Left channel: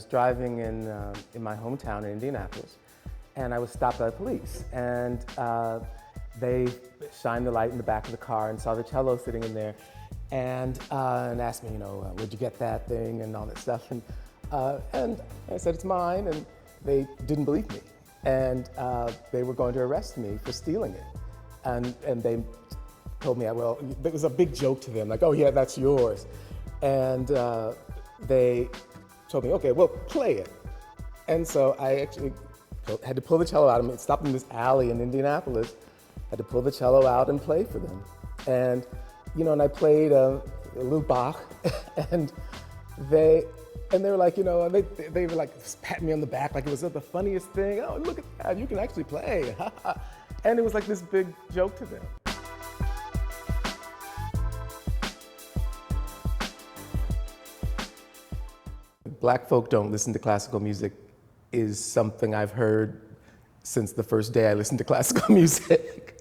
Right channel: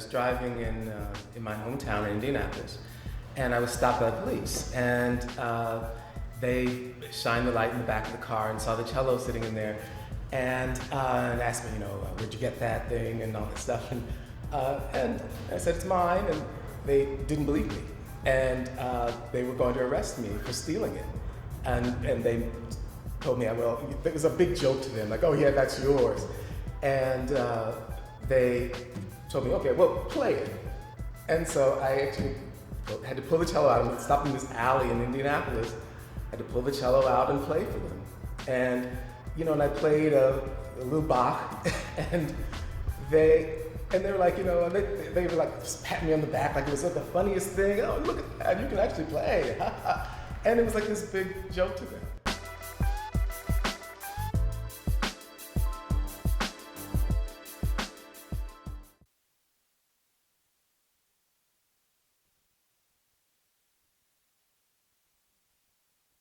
was driving in my hometown in Indianapolis, and I was stopped by the police, and they shined the light in the back of the car and saw the cello sitting in there, and asked me, where'd you get that thing and all that stuff, and I said it's mine, and they didn't believe me, and they were going to arrest me for stealing it, and they told me, well, it was a big joke to them, like, oh yeah, that's yours, and they told me, okay, well, play it, and so I actually had to pull the cello out. I stopped in this alley in Indianapolis. I had to pull the cello out and play for them. And, and I played a little Bach, and they were like, they were like patting me on the back like it was the funniest thing. Oh, look at that, you can actually play. And it was like this big joke to them. Black folk don't listen to classical music is something I've heard since the first day I listened to classical music.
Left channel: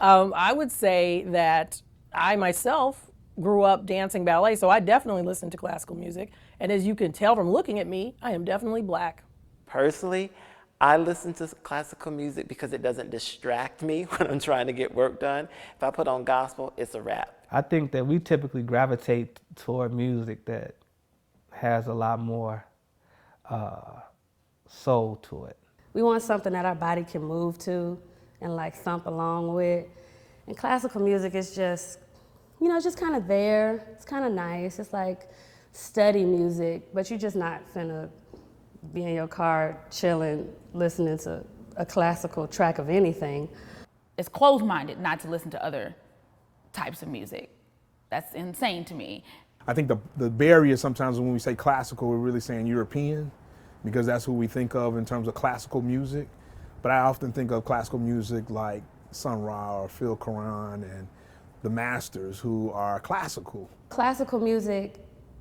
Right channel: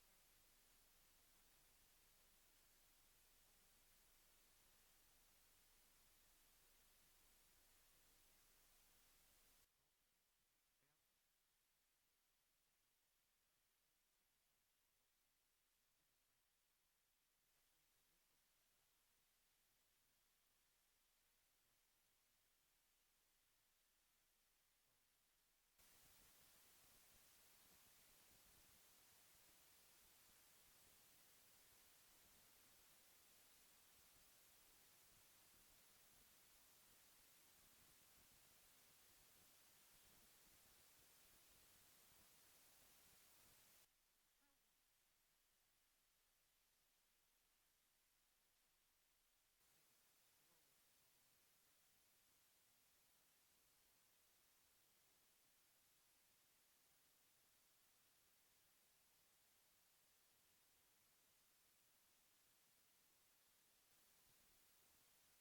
I would say that I myself grew up dancing ballet, so I definitely listen to classical music. And as you can tell from looking at me, I am definitely Black. Personally, I listen to classical music because it doesn't distract me when I'm trying to get work done. If I put on gospel, it's a wrap. I think that we typically gravitate toward music that has a lot more soul to it. We want something that our body can move to and like thump along with. And classical music is just, it's just kind of there. It's kind of nice. It's like study music, but you're just not finna be in your car chilling, listening to a classical track of anything. It's closed-minded not to listen to other types of music. That's insane to me. I think the barrier sometimes when we say classical, we're really saying European, because that's who we think of in terms of classical music. But I often think of classical music like Sun Ra or Phil Karan and the masters who are classical. Classical music,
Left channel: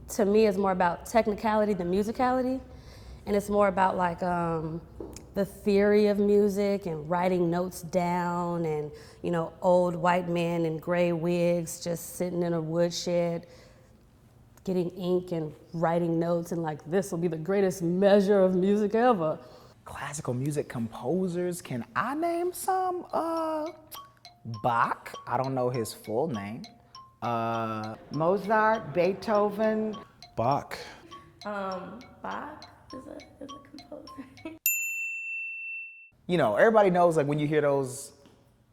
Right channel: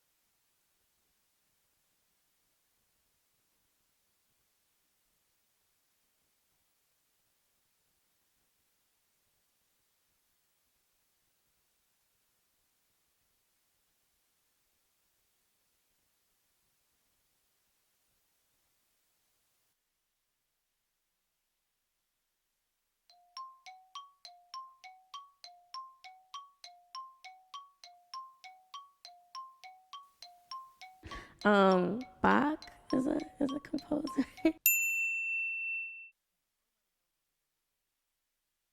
to me, is more about technicality than musicality. And it's more about like the theory of music and writing notes down and, old white men in gray wigs just sitting in a woodshed getting ink and writing notes and like, this will be the greatest measure of music ever. Classical music composers, can I name some? Bach, I don't know his full name. Mozart, Beethoven. Bach. Bach is a composer. Everybody knows like when you hear those,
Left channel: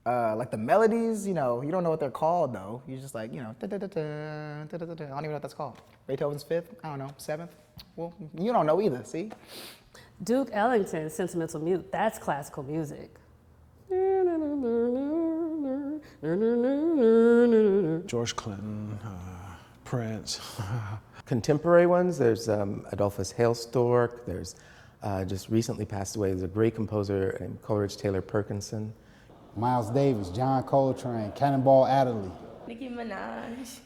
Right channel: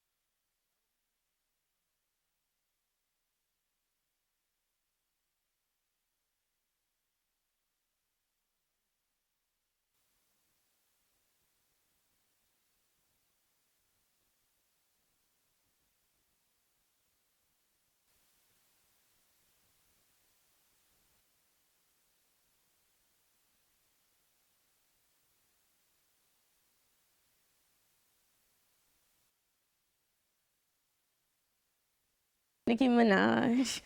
like the melodies, you don't know what they're called though. You're just like, da-da-da-da, da-da-da-da. I don't even know what that's called. Beethoven's fifth, I don't know, seventh. Well, you don't know either, see? Duke Ellington's Sentimental Mute, that's classical music. George Clinton, Prince. Contemporary ones, there's Adolphus Hailstork, there's just recently passed away, there's a great composer named Coleridge Taylor Perkinson. Miles Davis, John Coltrane, Cannonball Adderley. Nicki Minaj,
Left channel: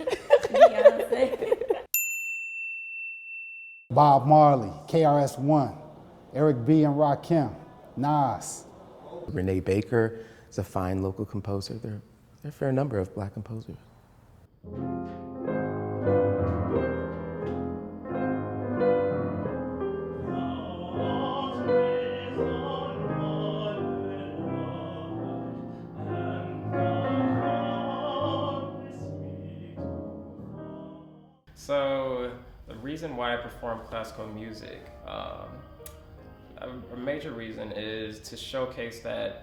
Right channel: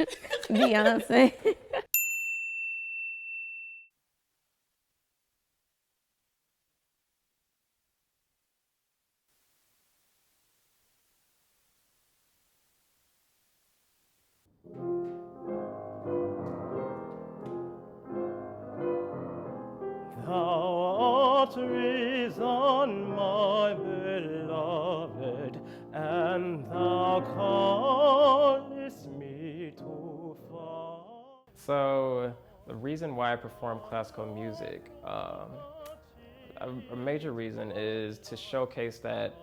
Beyonce. Bob Marley, KRS-One, Eric B. and Rakim, Nas. Renee Baker is a fine local composer. There are a fair number of Black composers. So the reason why I perform classical music, a major reason is to showcase that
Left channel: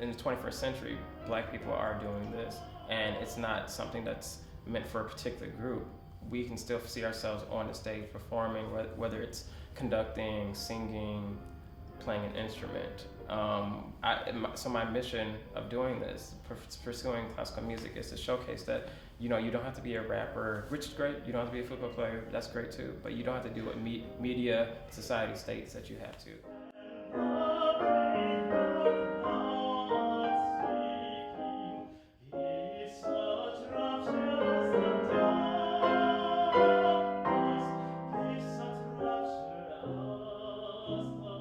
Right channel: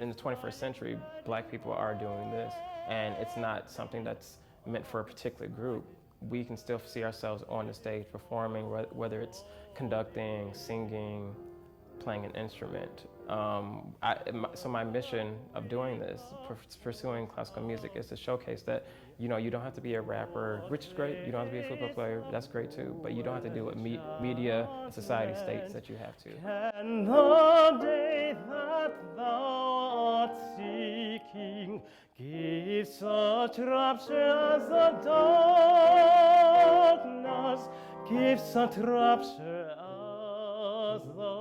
in the 21st century, Black people are doing this, and it's not something that's meant for a particular group. We can still see ourselves on the stage performing, whether it's conducting, singing, playing an instrument. So my mission of doing this, pursuing classical music, is to showcase that you don't have to be a rapper, which is great. You don't have to be a football player, that's great too. But you don't have to do what media, society states that you have to. And the day that thou art seeking gives such rapture as the darkness, gives such rapture as the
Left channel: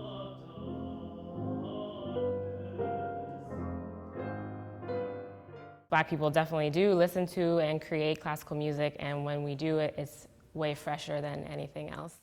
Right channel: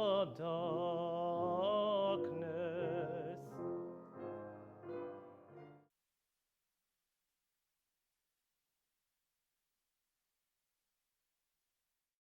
Black people definitely do listen to and create classical music, and when we do it, it's way fresher than anything else.